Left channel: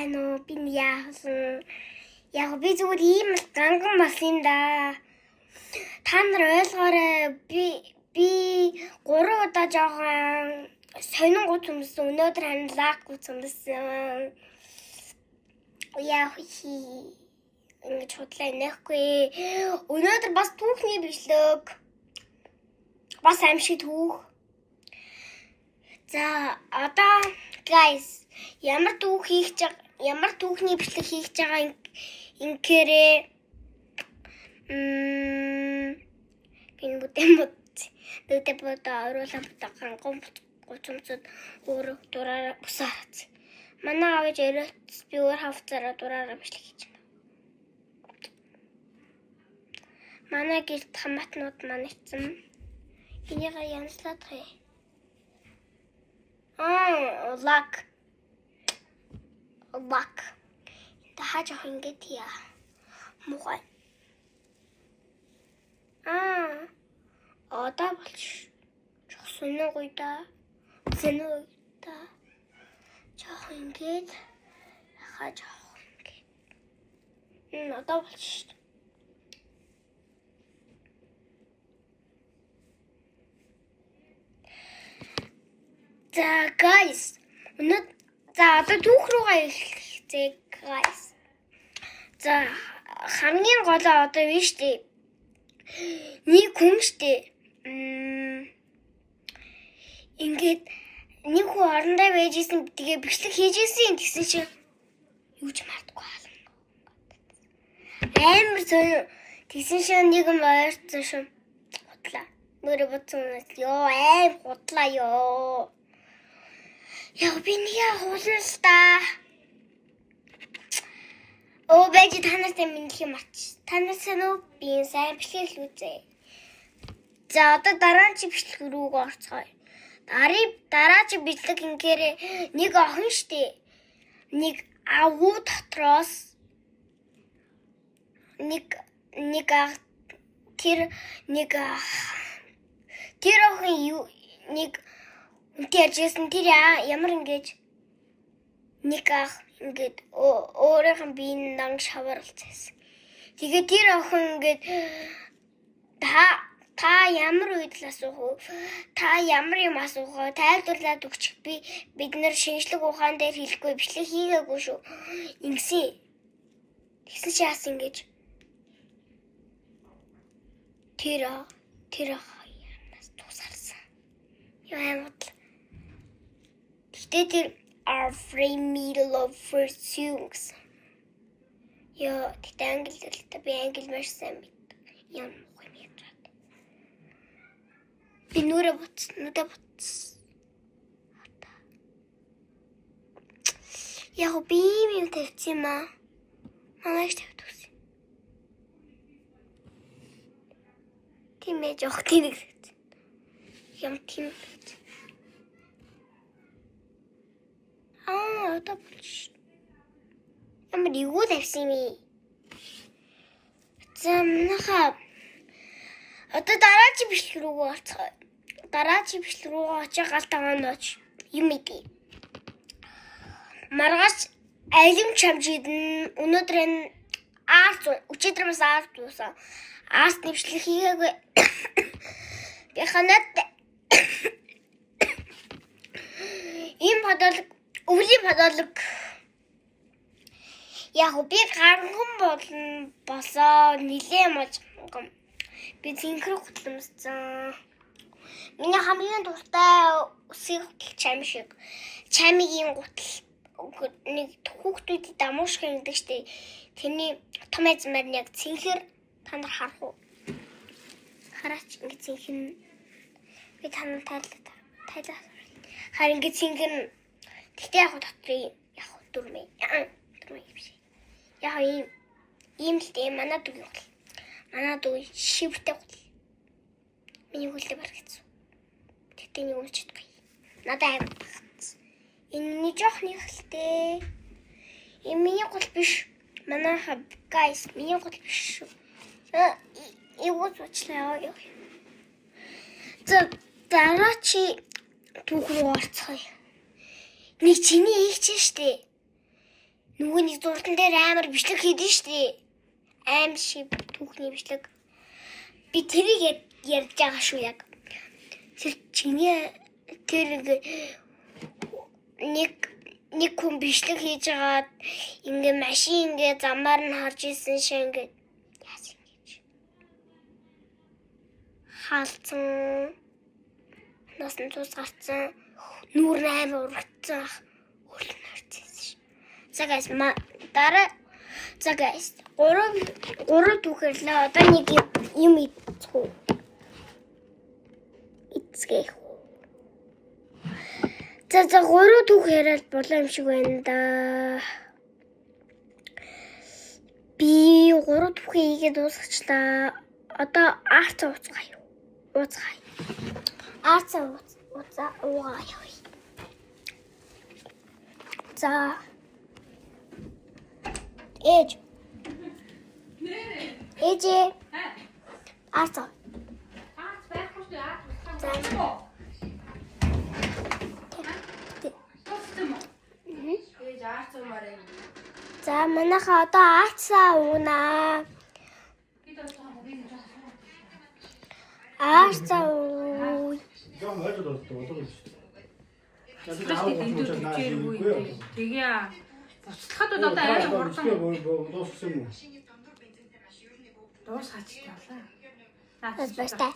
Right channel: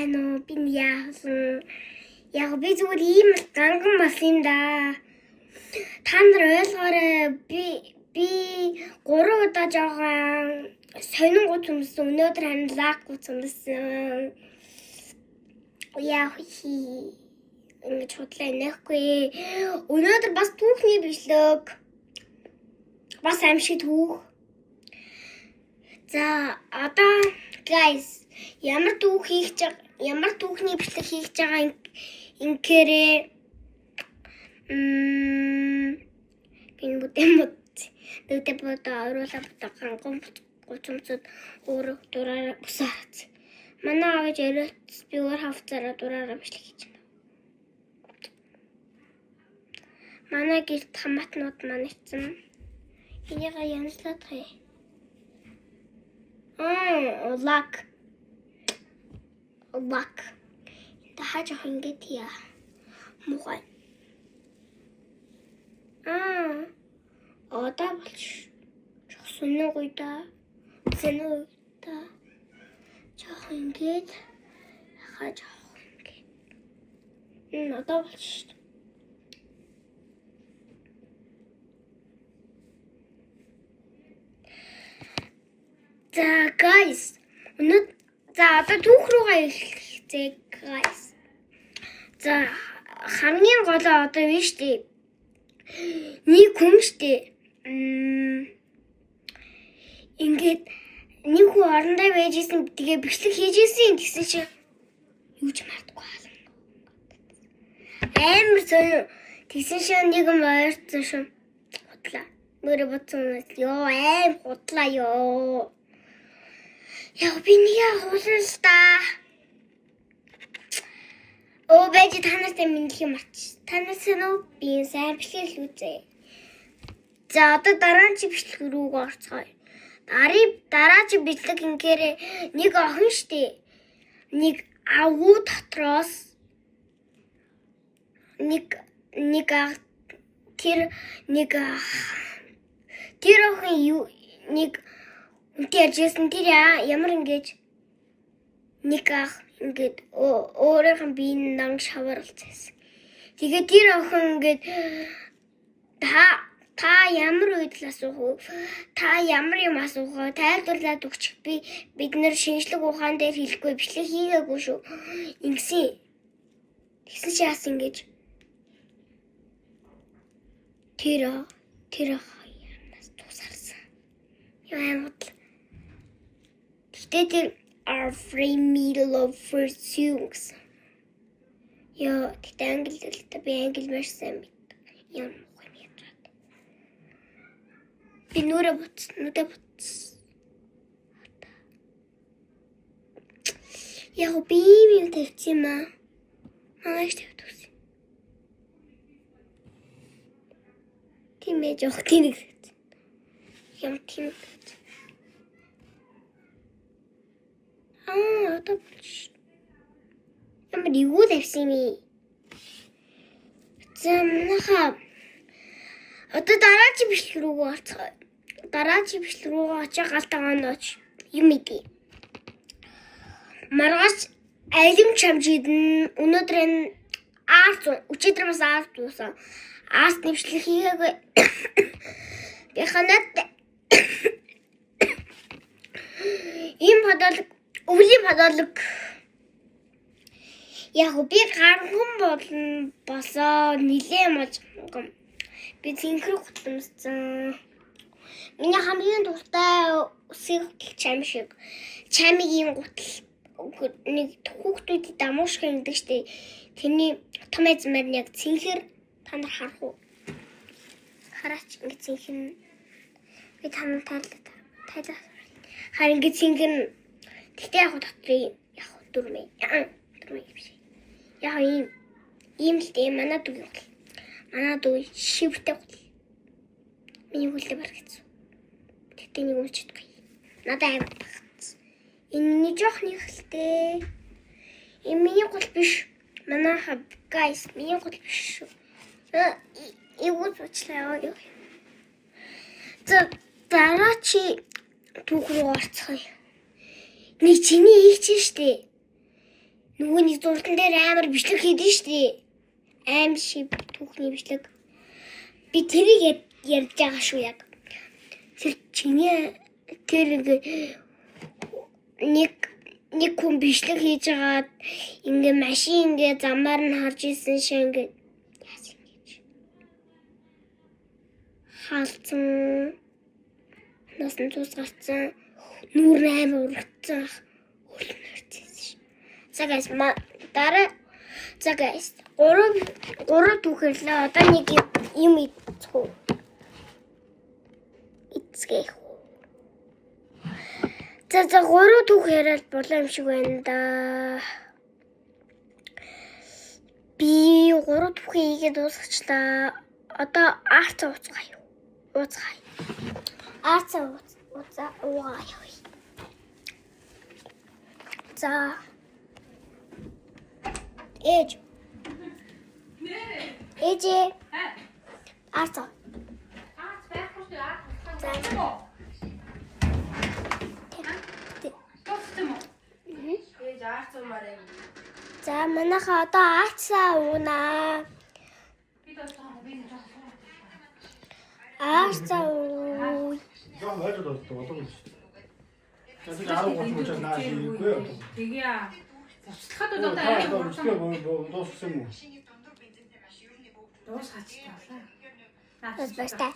байна уу? Би яасан? Яг би зүгээр ийм ганган болсон да. Та нар ойлгоорой. Би 3 удаа жоохон сонингууд юмсан. Өнөөдөр хань лакгүй юмсан. Яах вэ? Ингэж худлаа инехгүй. Өнөөдөр бас түүхний бичлэг. Бас аимшиг түүх. За одоо guys ямар түүхний бичлэг хийж байгаа инкэрээ гин бүтэмд бото оруулаа бутахан гомцод өөр дураараа бусаац. Манай аваж яриад би өөр хавцаараа дураараа бичлэг хийж байна. Манай гэрт хамаатнууд маань ицсэн. Энийг янзлаад хэ. Лак. Тахаж ах ингэж яа. Мухай. Одоо болч. Соногойда. Жах ингэж хаж ах ингэж. Одоо болч. За guys. За одоо түүх рүүгээ эхэлцээ guys. За хамгийн гол одоо юу штэ. Нэг хүн штэ. Ингээд нэг хүн орондоо байжсэн тэгээ бичлэг хийжсэн гэсэн чинь юу ч мартахгүй хаална. Амар сонио. Тэгсэн чинь нэг юм ойрцсон шин. Худлаа. Нүрэ бодсон ёо аим худлаа ёо. Яа би нэг хуулна л да. Бэж танартай мэдлэг марч. Танаас нөө би сайн бичлэг үзье. За одоо дараагийн бичлэг рүү орцгоё. Дараагийн бичлэг ингээр нэг охин штэ. Нэг агуу дотроос тэр охин нэг үнтэй ажсэн тэр ямар ингэж нэг ах ингээд өөрийнх нь биеийн нанг шаварлцсан. Тэгээд тэр охин ингээд та ямар үед л асуух вэ? Та ямар юм асуух вэ? Тайлбарлаад өгчих. Бид нэр шинжлэх ухаан дээр хэлэхгүй бичлэг хийгээгүй шүү. Ингэсэн. Тэгсэн чи яасан ингэж тэр ямаас тусарсан. Яа They are free middle of pursuits. Яа, тэгтээ англи хэлтэй би англи маш сайн мэддэг. Яа муу юм яа. Би нүдэ бутс. Яа, би юм тавьчих юм аа. Манайш тавьдаг. Тийм ээ, жоох тийм. Юм тийм. Одоо болчих. Ямар юу тавьсан юм. За манайхаа одоо дараагийн бичлэг рүү орцгоё. Дараагийн бичлэг рүү очиж галтаа онооч юм идэе. Маргааш алим чамжид өнөөдөр энэ өчигдөр бас арт дуусан. Арт бичлэг хийгээгүй. Би ханаад ийм өвлийн подолог яг би гарган болоо нилээ маж би зинхэр гутамсан. Миний хамгийн дуртай үсэг чам шиг чамигийн гутал нэг хүүхдүүд дамуушг гэдэг штеп. Тэний том эзмэр яг зинхэр та нар харах уу? Хараач ингэ зинхэн би танаа тайлаа. Харин ингэ зинхэн тэгтээ яг дотрын яг дөрмэй. Дөрмэй биш. Яг ийм л дээ манай дүү. Манай дүү шивтэй гол. Миний хөлтэй барагцсан. Тэгтээ нэг үчихгүй. Надад аймаг багц. Энэ жоох нэг хэлтэй. Энэ миний гол биш. Манайха guys миний гол биш. Эвгүй зочлаа ёо. За дараачи түүх рүү орцгоё. Нэг чиний их чинь штэ. Нөгөөний зуртан дээр амар бичлэг хийдэж штий. Аим шиг түүхний бичлэг. Би тэрийг ярьж байгаа шүү яг. Тэр чиний тэр нэг хүн бичлэг хийж агаад ингээ машин ингээ замаар нь харж исэн шиг ингээ яас ингэж хаалцсан насан цус гарцсан нүүр амар урагцсан хөлнөрцсөн ш. За guys дараа за guys гурав түүхэрлээ одоо нэг юм ийцгүй эцгээ за гурав түүх яриад болоо юм шиг байна да. Би гурав түүхийг хийгээд дуусгачлаа. Одоо арцаа ууцгаая. Арцаа уугаая. За. Ээж. Ээж. Арцаа. За манайха одоо арцаа уунаа. Арцаа уу. Тэгээ цацхад одоо арай дуусгаач таалаа. Бас баста.